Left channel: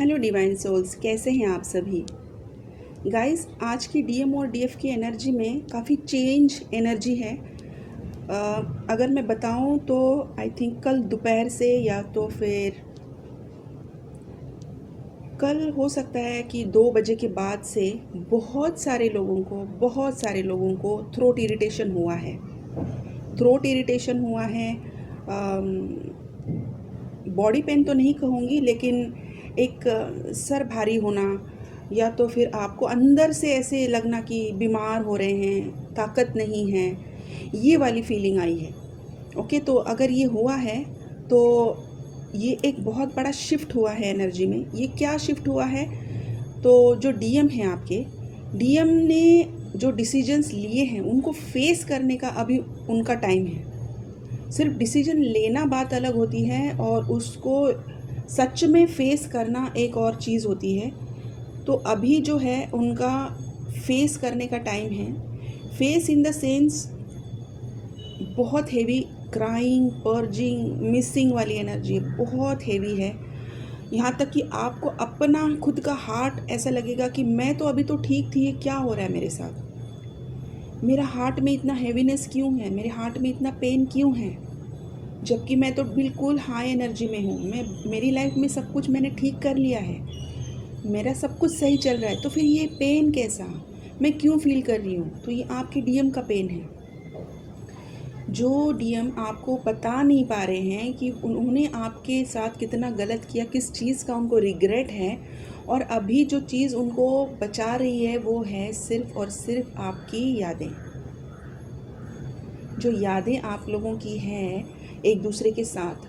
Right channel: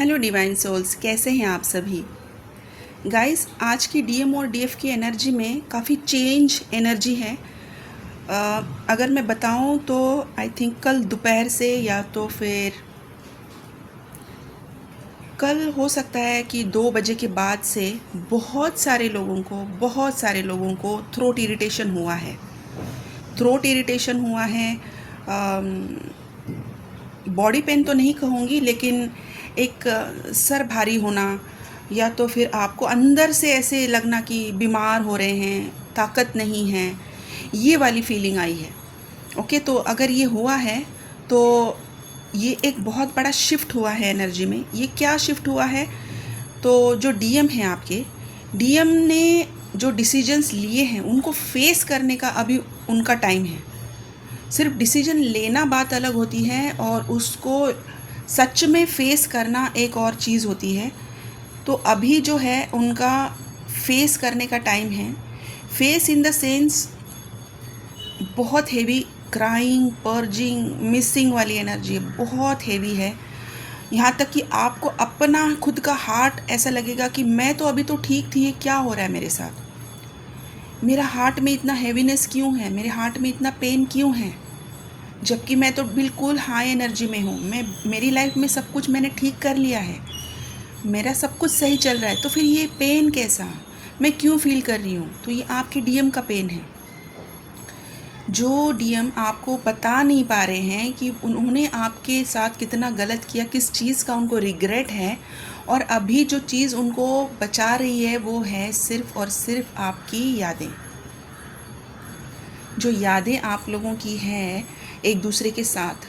Hello divine souls, कैसे हैं आप सभी गाइस। आज की डीएम और डीएफ की एनर्जी में काफ़ी चेंज एनर्जी है। अगर मैं बताऊं तो आई थिंक कल दोपहर से या तो फिर कल हो सकता है कि 2 बजे के बाद से बहुत सारे लोगों को थ्रोट इरिटेशन हुआ है। थ्रोट इरिटेशन हुआ है। बॉडी पेन तो नहीं कहूँगी, लेकिन एक सर भारी होना, या तो फिर आपको अंदर से ऐसे लगना कि बीमार हो रहे हैं, ताकत नहीं है, ये वाली फीलिंग आई है। ओके, तो अगर ये हुआ है तो ये एक बहुत बड़ा शिफ्ट हुआ है एनर्जी में। ये क्या शिफ्ट हुआ है? तो जो डीएम है आपके, डीएम ने जो डिसीजंस लिए हैं उनको फेस करने का अभी उनका टाइम है। सिर्फ डिसीजन लेना बात अलग होती है और उसको सच में फेस करना एक और चीज़ होती है। तो अभी जो है उनका फेस करने का टाइम है। फेस इन द सेंस बहुत हेवी क्राइंग, पर्जिंग, मिसिंग वाली एनर्जी है, बहुत हेवी है। यहाँ तक कि आपको अपना खुद का हार्ट ऐसा लगेगा कि मैं तो अभी तो ठीक थी, ये क्या हो रहा है मेरे साथ? मेरा हार्ट में इतना हैवीनेस क्यों है? मेरे हार्ट में इतना पेन क्यों है? जबकि मैं तो बिल्कुल हाई एनर्जी में हूँ। मेरी लाइफ में सब कुछ मैंने ठीक कर लिया है, मेरा सब कुछ सही चल रहा है, तो फिर ये पेन कैसा? मैं क्यों फील कर रही हूँ? तो ये आपके डीएम का पेन है। जो डीएम आपको बता नहीं पा रहे हैं कि उन्होंने आपके साथ कितना गलत किया, किस चीज़ का उनको रिग्रेट है, और अभी जो चीज़ उनको बचा रही है वो है सिर्फ़ और सिर्फ आपकी यादें। जो यादें आप लोगों की हैं एक दूसरे के साथ,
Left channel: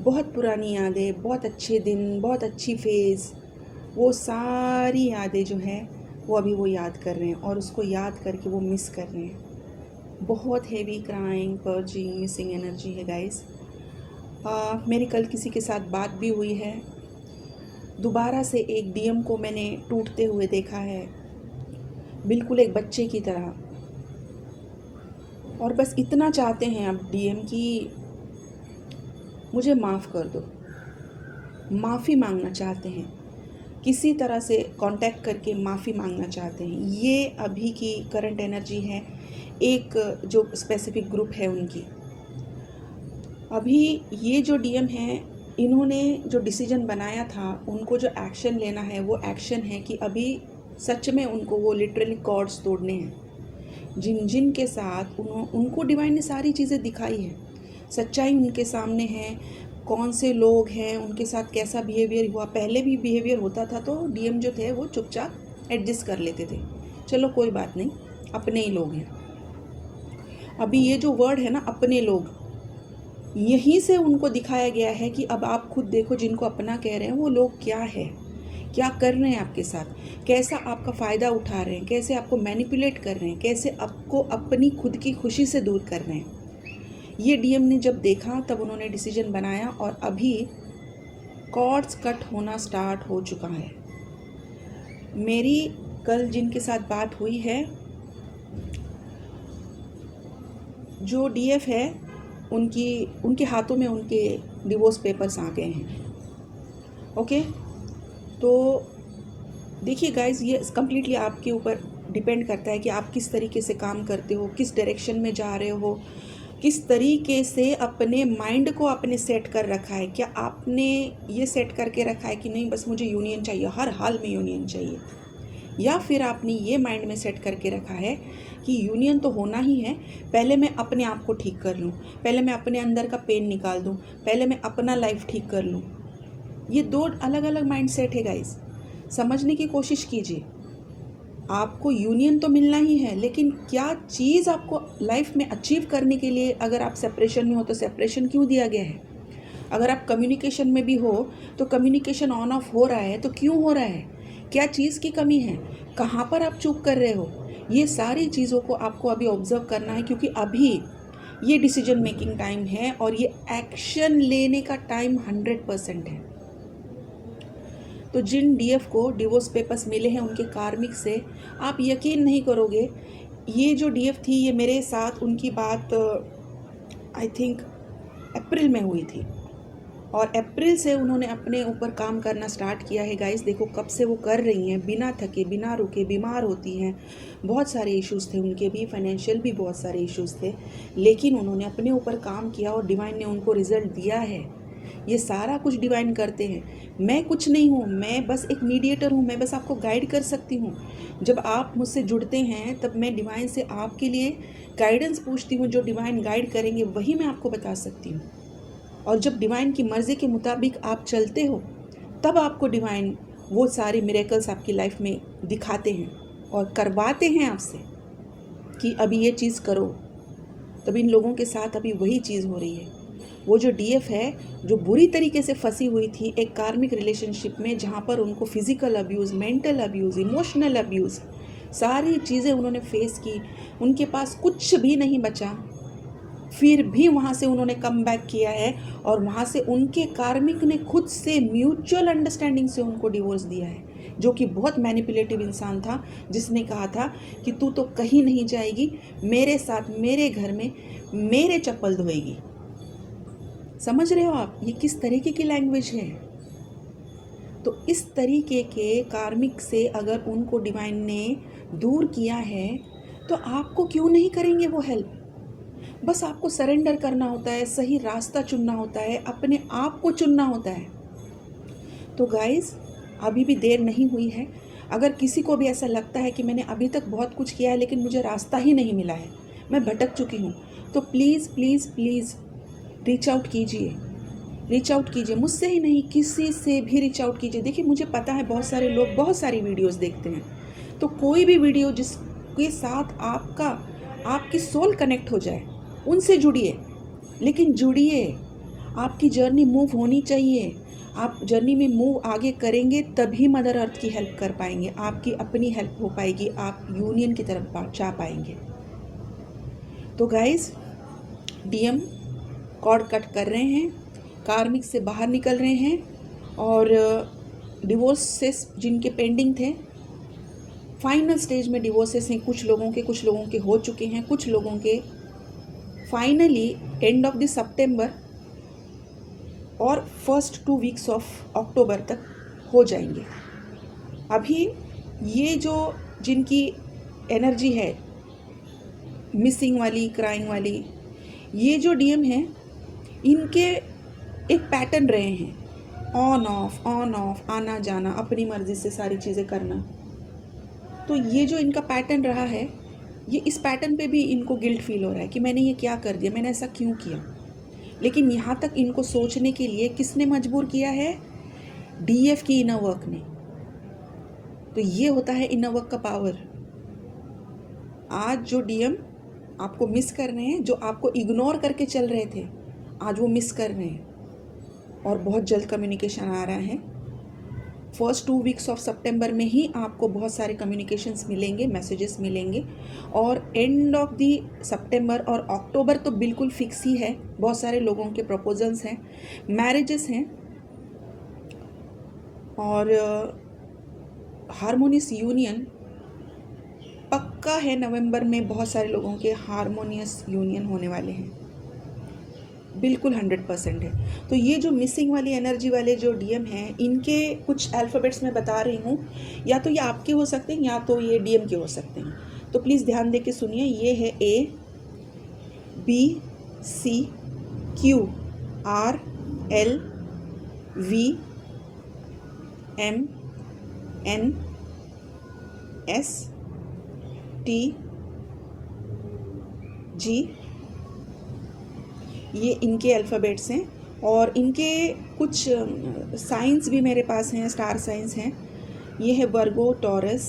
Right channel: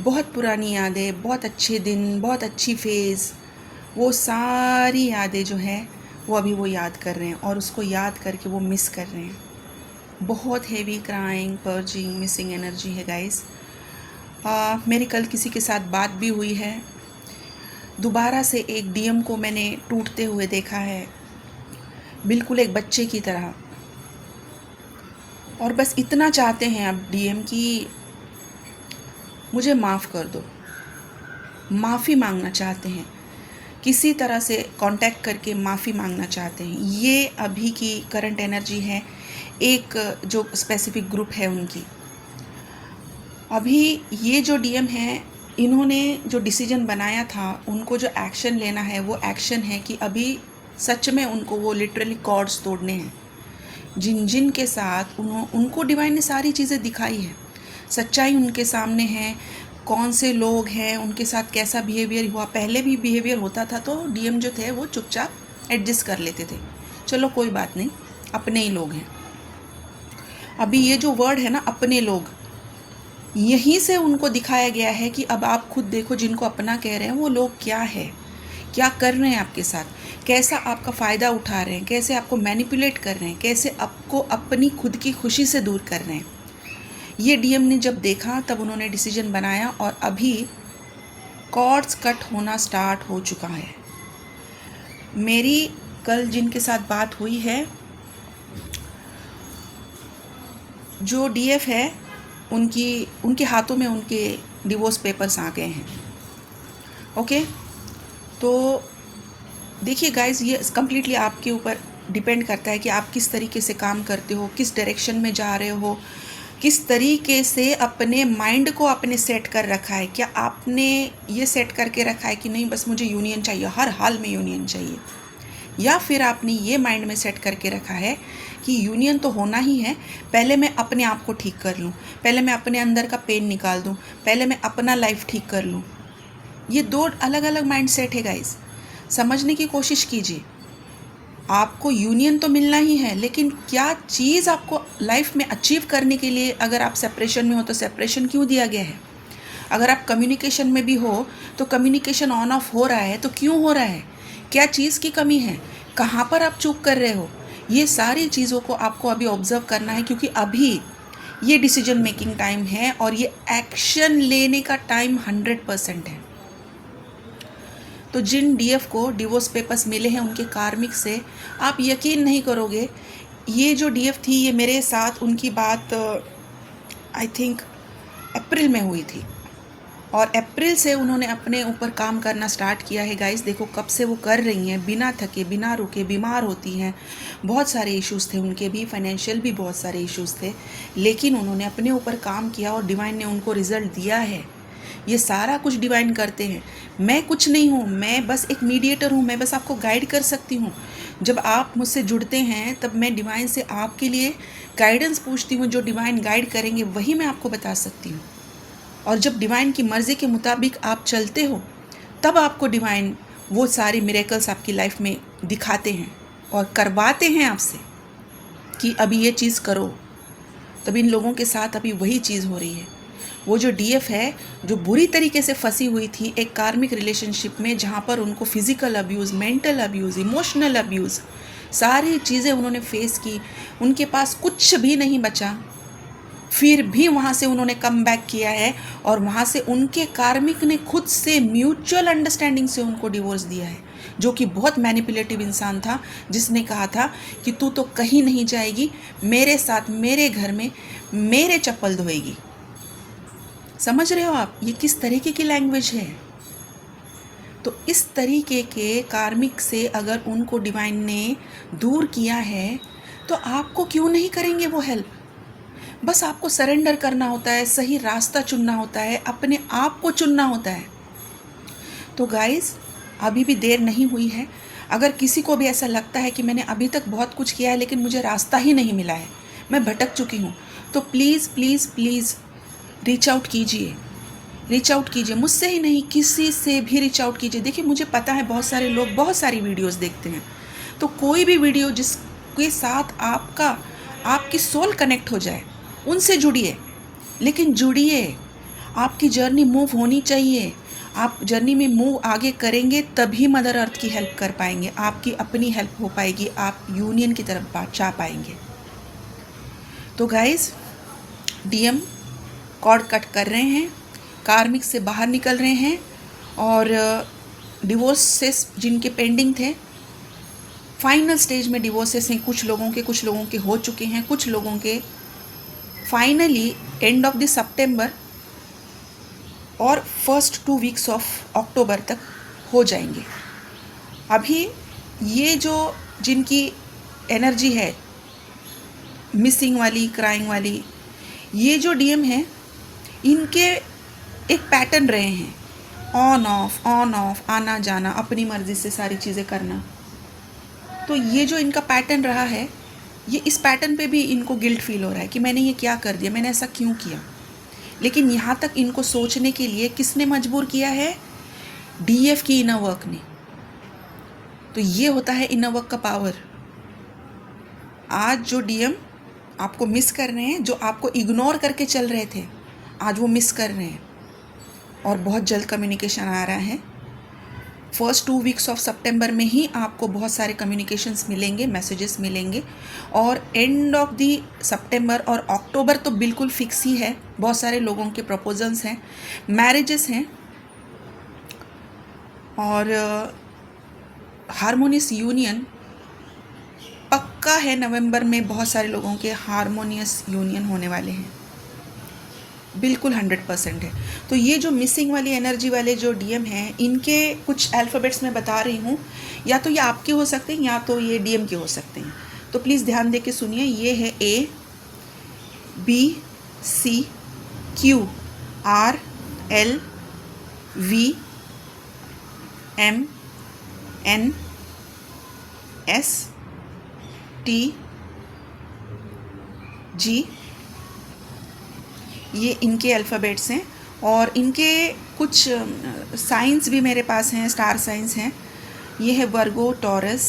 बहुत पुरानी यादें, बहुत अच्छे दिन, बहुत अच्छी फेज़, वो सारी यादें जो हैं वो अभी वो याद कर रहे हैं और उसको याद करके वो मिस कर रहे हैं। बहुत heavy crying, purging, missing energy है गाइस। मेरी कल किसी के साथ बात भी हुई है। दोबारा से एक डीएम को मैंने टूटते हुए देखा है, बिल्कुल एक बच्चे की तरह। और बस इतना चाहते हैं अब डीएम कि मुझे माफ़ कर दो, माफ़ी मांगना चाहते हैं, किसी तरह से कांटेक्ट करके माफ़ी मांगना चाहते हैं। ये अभी की करंट एनर्जी है, एक जो स्पेसिफिक ग्रुप है उनकी। अभी ये जो डीएम है, इन्होंने जो डिसीजन बनाया था, उनको जो एक्शन लेना है वो एक्शन है कि अभी सच में उनको वो लिटरली कॉर्ड्स तोड़ने हैं। जिन जिन के साथ उनको डिवाइन ने सारी चीज़ें दिखाई है, सच्चाई उनके सामने है, कौन से लोग हैं, उनके साथ कैसा बिहेवियर हुआ। पहले भी बिहेवियर होता था तो डीएम जो थे वो चुपचाप एडजस्ट कर लेते थे, चलो कोई बात नहीं, अपने ही लोग हैं। अभी ये जो वर्ड है ना, अपने लोग, यहीं से उनको दिखाया गया है कि अब आप खुद देखो, जिनको अपना कह रहे हैं वो लोग क्या है, क्या कर रहे हैं आपके साथ, कैसा आपका फ़ायदा उठा रहे हैं, कैसे आपको मैनिपुलेट कर रहे हैं, कैसे आपको अपनी खुद की खुशी से दूर कर रहे हैं। ये डीएम ने जब देखा तब उन्होंने डिसीजन बनाया और अभी कॉर्ड्स कट होना स्टार्ट हो चुका है। मेरी कल जिनके साथ बात हुई है, जो डीएफ है, उनके हाथों में उनके डिवोर्स पेपर्स आ गए हैं। ओके, तो देखिए गाइज, ये कम्प्लीटली आपके ऊपर डिपेंड करता है कि आप किस तरीके से काम करते हो, किस डायरेक्शन में जा रहे हो, किस तरीके से अपने माइंड को आपने सेट कर रखा है। क्या आपने ये सेट करके रखा है कि नहीं बस मुझे यूनियन चाहिए, हर हाल में यूनियन चाहिए, या फिर आपने ये माइंड में सेट करके रखा है कि यूनियन तो होना ही है, पहले मैं अपने आप को ठीक कर लूँ, पहले मैं अपने अंदर का पेन निकाल दूँ, पहले मैं अपना लाइफ ठीक कर लूँ। ये दो अलग अलग माइंड सेट है गाइस, समझने की कोशिश कीजिए। आपको यूनियन तो मिलना ही है, लेकिन क्या चीज़ आपको लाइफ में अचीव करने के लिए, अगर आप सेपरेशन में हो तो सेपरेशन क्यों दिया गया है? अगर आप कम्युनिकेशन में भी हो तो कम्युनिकेशन ऑन ऑफ हो रहा है तो क्यों हो रहा है? क्या चीज़ की कमी है? कहाँ पर आप चूक कर रहे हो? ये सारी चीज़ों को आपको अभी ऑब्जर्व करना है, क्योंकि अभी ये डिसीजन मेकिंग टाइम है और ये एक्शन लेने का टाइम 100% है। तो जिन डीएफ को डिवोर्स पेपर्स मिले हैं उनके कार्मिक से, आप यकीन नहीं करोगे, ये जो डीएफ थी, ये मेरे साथ उनकी बात आई थिंक अप्रैल में हुई थी। और अप्रैल से उन्होंने अपने ऊपर काम करना स्टार्ट किया है गाइस। देखो कब से वो कर रही हैं, बिना थके बिना रुके, बीमार होती हैं, बहुत सारे इश्यूज़ थे उनके भी, फाइनेंशियल भी बहुत सारे इश्यूज़ थे, लेकिन उन्होंने अपने ऊपर काम किया और डिवाइन ने उनको रिज़ल्ट दिया है। ये सारा कुछ डिवाइन करते हैं, मैं कुछ नहीं हूँ, मैं बस एक मीडिएटर हूँ, मैं बस आपको गाइड कर सकती हूँ। जब आप मुझसे जुड़ते हैं तब मैं डिवाइन से आपके लिए गाइडेंस पूछती हूँ, जो डिवाइन गाइड करेंगे वही मैं आपको बता सकती हूँ। और जब डिवाइन की मर्ज़ी के मुताबिक आप चलते हो तब आपको डिवाइन वो सारे मिरेकल्स आपकी लाइफ में दिखाते हैं और करवाते हैं आपसे कि अभी ये चीज़ करो। तब इन लोगों के साथ अभी वही चीज़ हो रही है। वो जो डीएफ है, जो बुरी तरीके से फंसी हुई थी एक कार्मिक रिलेशनशिप में, जहाँ पर उनको physical abuse, mental abuse, emotional abuse, सारी चीज़ें उन्होंने फेस की, उनके पास कुछ भी नहीं बचा, फिर भी वहाँ से उन्होंने कम बैक किया है और वहाँ से उनके कार्मिक ने खुद से म्यूचुअल अंडरस्टैंडिंग से उनको डिवोर्स दिया है, जो कि बहुत मैनिपुलेटिव इंसान था, जिसने कहा था कि तू तो कहीं नहीं जाएगी, मेरे साथ मेरे घर में मेरे चप्पल धोएगी। समझ रहे हो आप ये किस तरीके की लैंग्वेज है? तो इस तरीके के कार्मिक से अगर उनको डिवाइन ने दूर किया है तो आपको क्यों नहीं करेंगे वो हेल्प? बस आपको सरेंडर करना होता है, सही रास्ता चुनना होता है, अपने आप को चुनना होता है। तो गाइस अभी भी देर नहीं हुई है। अगर किसी को भी ऐसा लगता है कि मैंने अभी तक बहुत कुछ किया है लेकिन मुझे रास्ता ही नहीं मिला है, मैं भटक चुकी हूँ, तो please please please reach out कीजिए, रीच आउट कीजिए। मुझसे ही नहीं, किसी से भी रीच आउट कीजिए। देखिए मुझे पता है बहुत सारे लोग बहुत सारी वीडियोस देखते हैं, तो कोई भी वीडियो जिसके साथ आपकी सोल कनेक्ट हो जाए उनसे जुड़िए, लेकिन जुड़िए। आपकी जर्नी मूव होनी चाहिए। आप जर्नी में मूव आगे करेंगे तभी मदर अर्थ की हेल्प कर पाएंगे, आपकी अपनी हेल्प हो पाएगी, आप यूनियन की तरफ जा पाएंगे। तो गाइस डीएम कॉर्ड कट कर रहे हैं, कार्मिक से बाहर निकल रहे हैं और डिवोर्सेस जिनके पेंडिंग थे फाइनल स्टेज में डिवोर्सेस हैं। कुछ लोगों के हो चुके हैं, कुछ लोगों के finally end of the September और फर्स्ट 2 वीक्स ऑफ अक्टूबर तक हो जाएंगे। अभी ये जो जिनकी एनर्जी है मिसिंग वाली, क्राइंग वाली, ये जो डीएम है इनके एक पैटर्न रहे हैं, ऑन ऑफ, आना जाना, अपनी मर्ज़ी से सारी चीज़ें करना। तो ये जो इनका पैटर्न रहा है, ये इस पैटर्न पे भी इनको गिल्ट फील हो रहा है कि मैंने ये क्या कर दिया, मैंने ऐसा क्यों किया। लेकिन यहाँ तक इनको सोचने के लिए किसने मजबूर किया है? डीएफ की इनर वर्क ने। तो ये होता है इनर वर्क का पावर। आज जो डीएम आपको मिस कर रहे हैं, जो आपको इग्नोर करके चल रहे थे, आज वो मिस कर रहे हैं और बहुत जल्द कम्युनिकेशन आ रहा है। फर्स्ट 2 वीक्स ऑफ सितंबर में ही आपको बहुत सारे कम्युनिकेशंस मिलेंगे, मैसेजेस मिलेंगे, और एंड ऑफ दी सितंबर और अक्टूबर तो बिल्कुल फिक्स ही है। बहुत सारे लोगों के प्रपोजल्स हैं, मैरिजेस हैं और हारमोनियस यूनियन पक्का है। नवंबर में बहुत सारे लोगों के हारमोनियस यूनियन होने वाले हैं, बिल्कुल 100% है। तो ये जो मिसिंग वाली एनर्जी वाले जो डीएम हैं, इनके कुछ अल्फ़ाबेट्स मैं बता रही हूँ, या तो ये आपके हो सकते हैं या तो ये डीएम के हो सकते हैं। तो प्लीज़ ध्यान दे के सुनिए। ये है A, B, C, Q, R, L, V, M, N, S, T, G. ये इनके अल्फ़ाबेट्स हैं और इनके कुछ साइंस भी मेरे पास हैं, स्टार साइंस हैं। ये है Virgo, Taurus,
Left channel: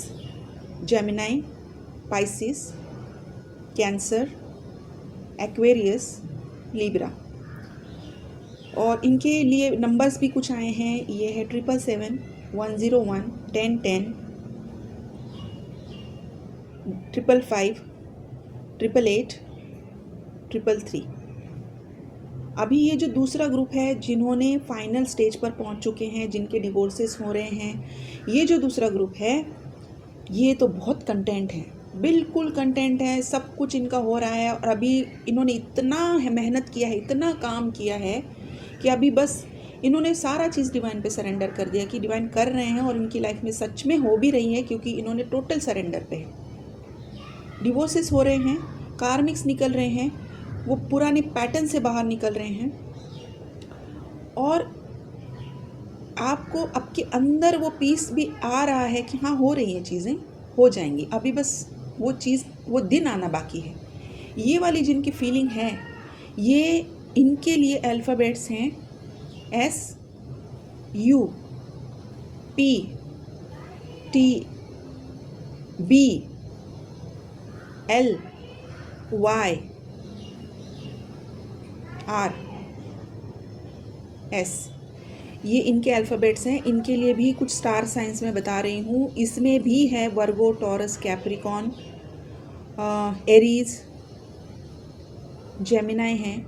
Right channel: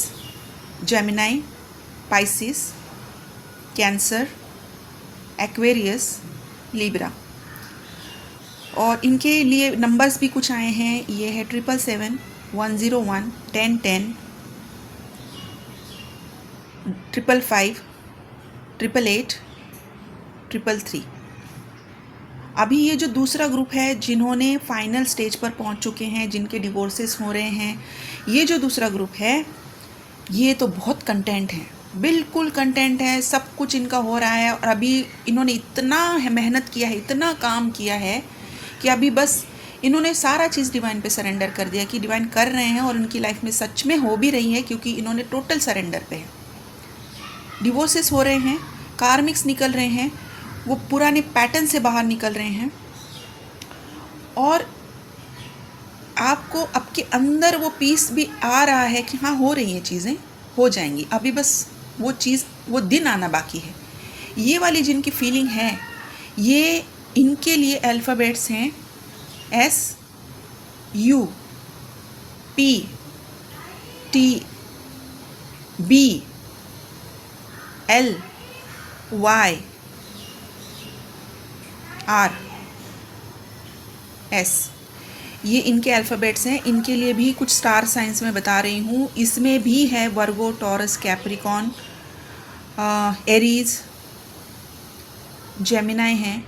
Gemini, Pisces, Cancer, Aquarius, Libra. और इनके लिए नंबर्स भी कुछ आए हैं। ये है 777, 101, 1010, 555, 888, 333। अभी ये जो दूसरा ग्रुप है जिन्होंने फाइनल स्टेज पर पहुंच चुके हैं, जिनके डिवोर्सेस हो रहे हैं, ये जो दूसरा ग्रुप है ये तो बहुत कंटेंट है, बिल्कुल कंटेंट है, सब कुछ इनका हो रहा है। और अभी इन्होंने इतना मेहनत किया है, इतना काम किया है कि अभी बस इन्होंने सारा चीज़ डिवाइन पे सरेंडर कर दिया कि डिवाइन कर रहे हैं और उनकी लाइफ में सच में हो भी रही है, क्योंकि इन्होंने टोटल सरेंडर पे है। डिवोर्सेस हो रहे हैं, कार्मिक्स निकल रहे हैं, वो पुराने पैटर्न से बाहर निकल रहे हैं, और आपको आपके अंदर वो पीस भी आ रहा है कि हाँ हो रही हैं चीज़ें, हो जाएंगी, अभी बस वो चीज़ वो दिन आना बाकी है। ये वाली जिनकी फीलिंग है, ये इनके लिए अल्फ़ाबेट्स हैं SUPTBLYRS। ये इनके अल्फ़ाबेट्स हैं। इनके लिए भी कुछ स्टार साइंस में बता रही हूँ, इसमें भी है Virgo, taurus, Capricorn, Aries, Gemini हैं।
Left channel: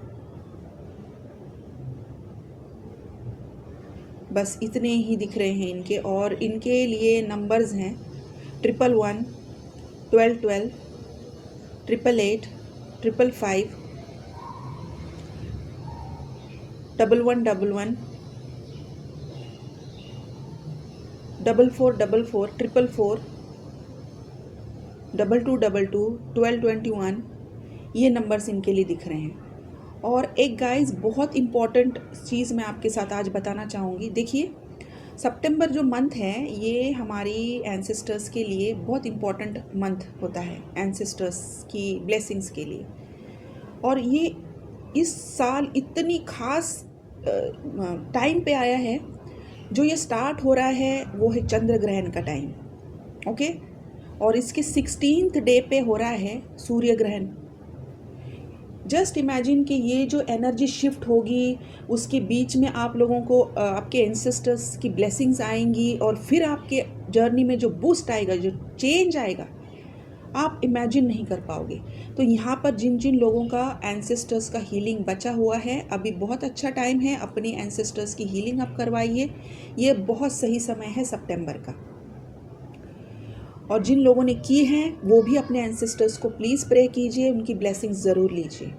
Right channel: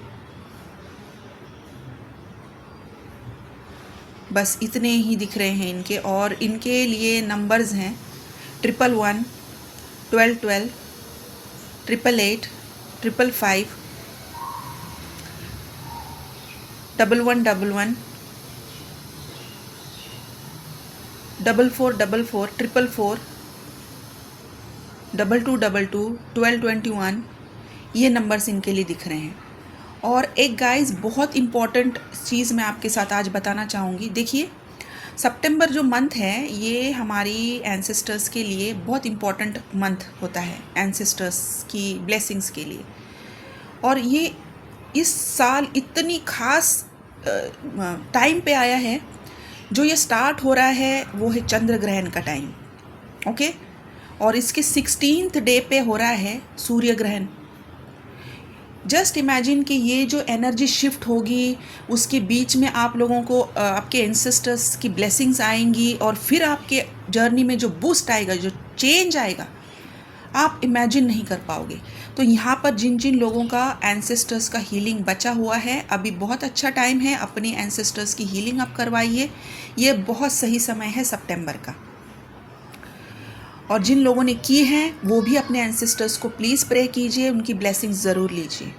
बस इतने ही दिख रहे हैं इनके, और इनके लिए नंबर्स हैं 111, 1212, 888, 555, 1111, 4444, 444, 2222, 1221, ये नंबर्स इनके लिए दिख रहे हैं। और एक गाइस बहुत इम्पॉर्टेंट चीज़ मैं आपके साथ आज बताना चाहूँगी। देखिए, सितंबर जो मंथ है ये हमारी एंसेस्टर्स के लिए बहुत इम्पॉर्टेंट मंथ होता है, एंसेस्टर्स की ब्लेसिंग्स के लिए। और ये इस साल इतनी खास टाइम पे आया है। जो ये स्टार्ट हो रहा है वो है चंद्र ग्रहण का टाइम, ओके। और इसके 16th डे पे हो रहा है सूर्य ग्रहण। जस्ट इमेजिन कि ये जो एनर्जी शिफ्ट होगी, उसके बीच में आप लोगों को आपके एंसेस्टर्स की ब्लेसिंग्स आएंगी, और फिर आपके जर्नी में जो बूस्ट आएगा, जो चेंज आएगा, आप इमेजिन नहीं कर पाओगे। तो यहाँ पर जिन जिन लोगों का एंसेस्टर्स का हीलिंग बचा हुआ है, अभी बहुत अच्छा टाइम है, अपने एंसेस्टर्स की हीलिंग आप करवाइए। ये बहुत सही समय है सितंबर का। और जिन लोगों ने की हैं वो भी अपने एंसेस्टर्स को प्लीज़ प्रे कीजिए, उनकी ब्लेसिंग्स ज़रूर लीजिए।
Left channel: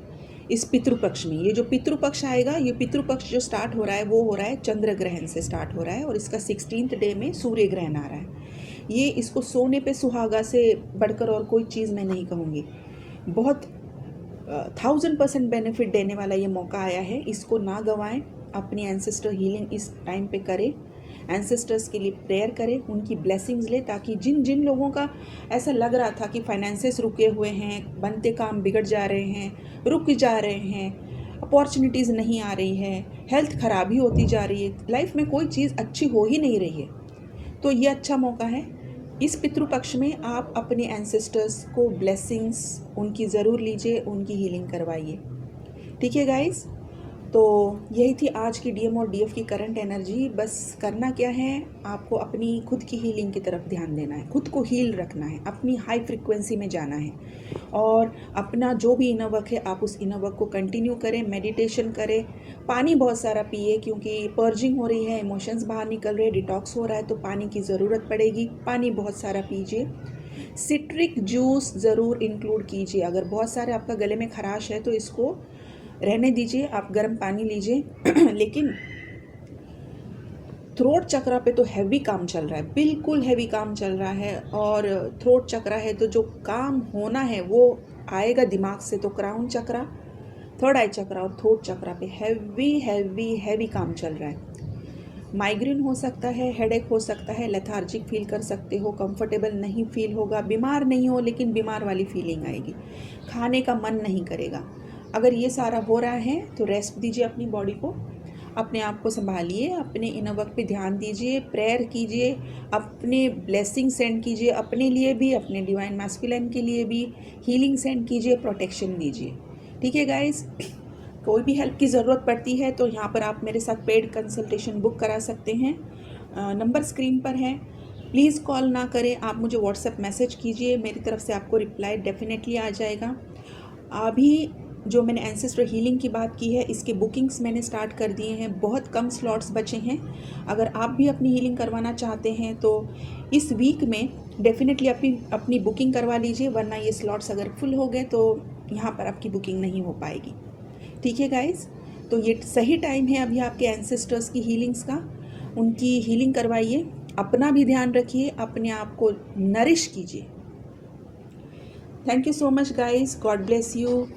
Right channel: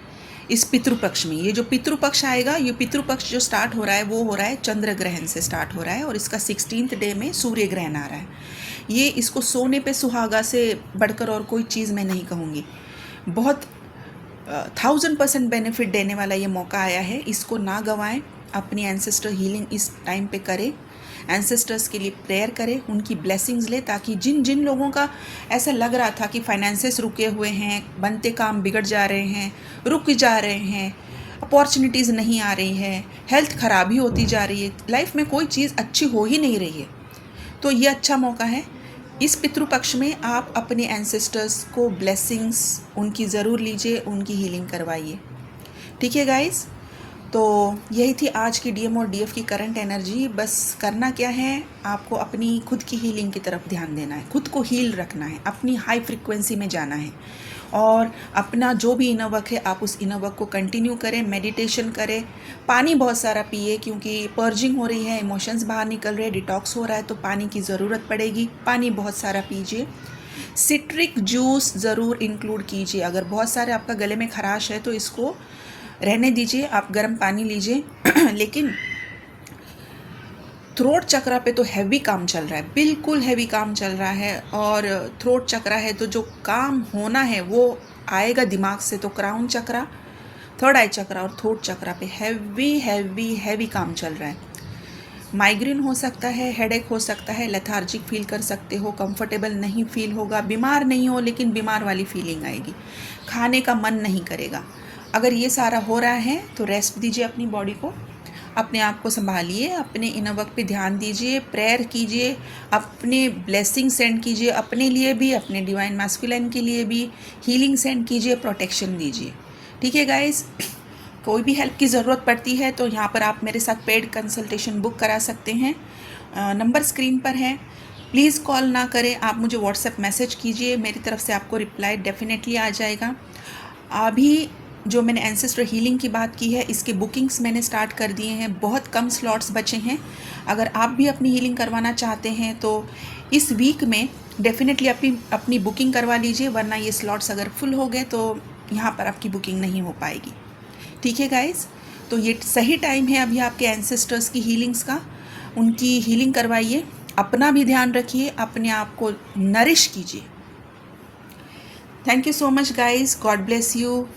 इस पितृपक्ष में, ये जो पितृपक्ष आएगा, ये पितृपक्ष जो स्टार्ट हो रहा है वो हो रहा है चंद्र ग्रहण से स्टार्ट हो रहा है, और इसका 16th डे में सूर्य ग्रहण आ रहा है। ये इसको सोने पे सुहागा से बढ़कर और कोई चीज़ मैं नहीं कहूँगी। बहुत 1000% बेनिफिट देने वाला ये मौका आया है, इसको ना गंवाएं। अपनी एंसेस्टर हीलिंग इस टाइम पे करें, एंसेस्टर्स के लिए प्रेयर करें, उनकी ब्लेसिंग्स ले, ताकि जिन जिन लोगों का ऐसा लग रहा था कि फाइनेंसेस रुके हुए हैं, बनते काम बिगड़ जा रहे हैं, रुक जा रहे हैं, अपॉर्चुनिटीज़ नहीं आ रही है, हेल्थ खराबी होती जा रही है, लाइफ में कोई चीज़ अच्छी हो ही नहीं रही है, तो ये अच्छा मौका है। इस पितृपक्ष में आप अपने एंसेस्टर्स को ब्लेसिंग्स उनकी ज़रूर लीजिए, उनकी हीलिंग करवाइए। ठीक है गाइस, तो यही थी आज की डीएम और डीएफ की करंट एनर्जी। बस करना क्या है, आपको अपनी खुद की हीलिंग की तरफ ध्यान देना है, खुद को हील रखना है, अपनी हाई फ्रिक्वेंसी में जाना है, और अपना जो भी इनर वर्क है आप उस इनर वर्क को कंटिन्यू करें, मेडिटेशन करें, पानी बहुत सारा पिए, क्योंकि पर्जिंग हो रही है, इमोशंस बाहर निकल रहे हैं, डिटॉक्स हो रहा है, तो पानी की ज़रूरत पड़ेगी, पानी बहुत सारा पीजिए। सिट्रिक जूस ज़रूर इंक्लूड कीजिए। अगर बहुत सारे आपका गले में खराश है तो इसको रहने दीजिए, आप गर्म पानी लीजिए। लेकिन थ्रोट चक्रा पे तो हैवी काम चल रहा है, बिल्कुल हैवी काम चल रहा है, और थ्रोट चक्रा है तो जो काम होना है वो आएगा दिमाग से। तो क्राउन चक्रा, थर्ड आई चक्रा और थ्रोट चक्रा पे हैवी हैवी हैवी काम चल रहा है। माइग्रेन हो सकता है, हेडेक हो सकता है, लेथार्जिक फील कर सकते हो, कंफर्टेबल नहीं फील होगा, बीमार नहीं हो लेकिन बीमार वाली फीलिंग आएगी, खाने का मन नहीं करेगा। अगर ये सारा हो रहा है तो रेस्ट दीजिए अपनी बॉडी को, अपने आप को संभालिए, अपने इनर वर्क पे ध्यान दीजिए, प्रेयर कीजिए, अपने ब्लेसिंग सेंड कीजिए, अपने लिए भी, अपने डिवाइन मैस्कुलिन के लिए भी हीलिंग सेंड कीजिए, प्रोटेक्शन दीजिए। ठीक है गाइस, कोई भी हेल्प की ज़रूरत पड़ती है तो यहाँ पर आप मेरे साथ पेड कंसल्टेशन बुक करा सकते हैं। नंबर स्क्रीन पर है, प्लीज़ कॉल ना करें, आप मुझे व्हाट्सएप मैसेज कीजिए, मेरी तरफ से आपको रिप्लाई डेफिनेटली आ जाएगा। अभी जो मैंने एंसेस्टर हीलिंग की बात की है, इसके बुकिंग्स मैंने स्टार्ट कर दिए हैं, बहुत कम स्लॉट्स बचे हैं। अगर आप भी अपनी हीलिंग करवाना चाहते हैं तो इस वीक में डेफिनेटली अपनी बुकिंग करवा लीजिए, वरना ये स्लॉट्स अगर फुल हो गए तो यहाँ पर आपकी बुकिंग नहीं हो पाएगी। ठीक है गाइज़, तो ये सही टाइम है अभी आपके एंसेस्टर्स की हीलिंग्स का। उनकी हीलिंग करवाइए, अपना भी ध्यान रखिए, अपने आप को नरिश कीजिए। Thank you so much guys, God bless you.